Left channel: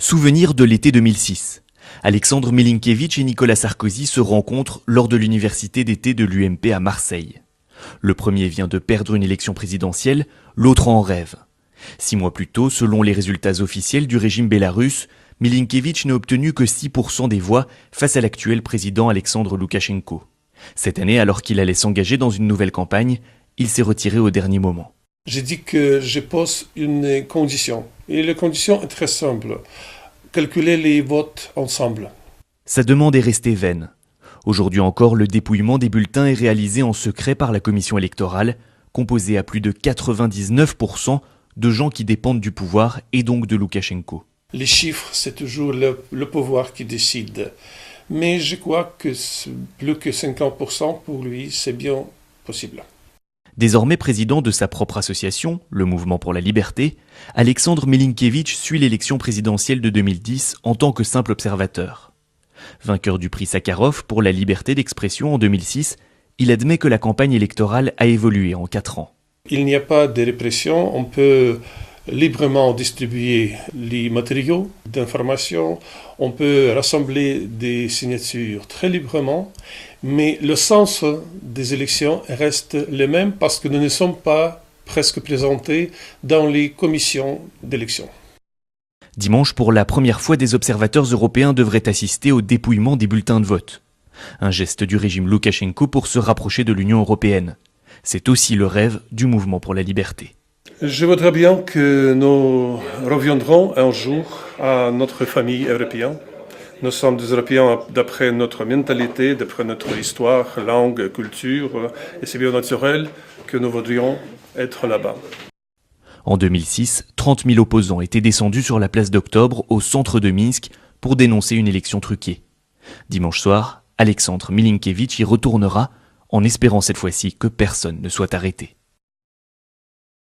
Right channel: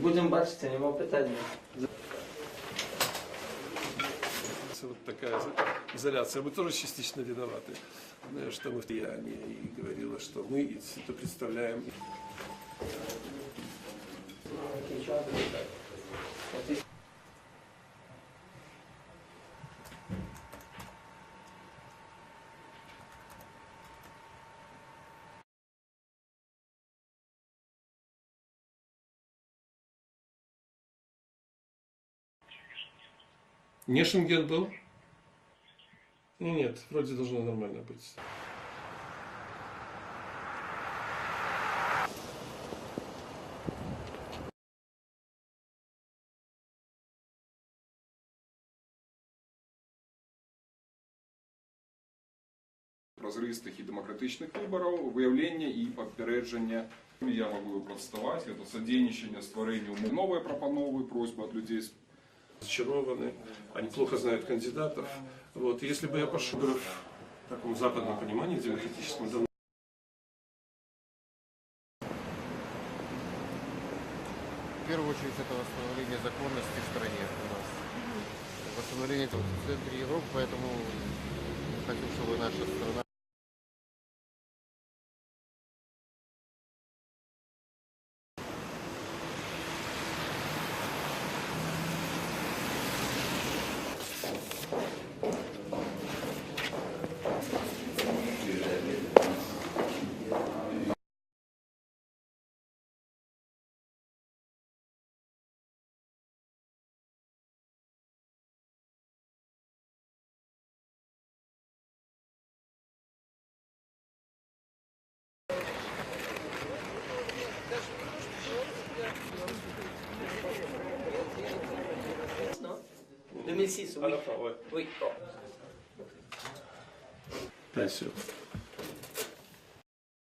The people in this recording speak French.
Souvenir de l'été 2006. Alexandre Milinkevitch et Nicolas Sarkozy se rencontrent lors de l'université d'été de l'UMP à Marseille. Le premier vient de perdre une élection présidentielle, l'autre en rêve. 6 mois plus tôt, selon les résultats officiels du régime bélarusse, Milinkevitch n'a obtenu que 6% des voix face à l'actuel président Alexandre Loukachenko. Cette année, alors qu'il allait s'engager dans une nouvelle campagne, il s'est retiré au dernier moment. J'ai dit que je pose une condition. Et la condition est très simple. Calculer les votes ensemble. Sa demande est restée vaine. Aujourd'hui encore, le dépouillement des bulletins est réalisé en secret par la commission électorale, composée à plus de 99% de gens qui dépendent du pouvoir et donc de Loukachenko. Les chiffres, c'est toujours le pouvoir qui décide. Mais je crois que plus que 50% pour lui, c'est bien possible. Désormais président de sa propre association, le Mouvement pour la Liberté, Alexandre Milinkevitch suit l'élection présidentielle de 2010 en tant que simple observateur. Vainqueur du prix Sakharov pour la liberté d'expression en 2006, il admet que la campagne électorale a évolué en 4 ans. Il n'y a pas de répression, on peut librement distribuer les matériaux d'information, on peut rassembler des signatures très librement, mais le sens des élections reste le même parce que nous ne sommes pas presque présentés dans les commissions d'élection. Dimanche, pour la première fois, des observateurs européens devraient assister au dépouillement des bulletins de vote. Un geste du régime Loukachenko pour se rapprocher de l'Union européenne. C'est aussi le rêve du Mouvement pour la Liberté. Je voudrais bien que nous reviendrons un jour à notre famille européenne. Nous sommes des Européens d'après notre mentalité, d'après notre histoire, langue, culture, et c'est bien naturel que nous voudrions être là-bas. En 2006, 30 000 opposants étaient descendus sur la place d'Octobre, au centre de Minsk, pour dénoncer une élection truquée. Dimanche soir, Alexandre Milinkevitch y retournera, en espérant cette fois-ci que personne ne soit arrêté.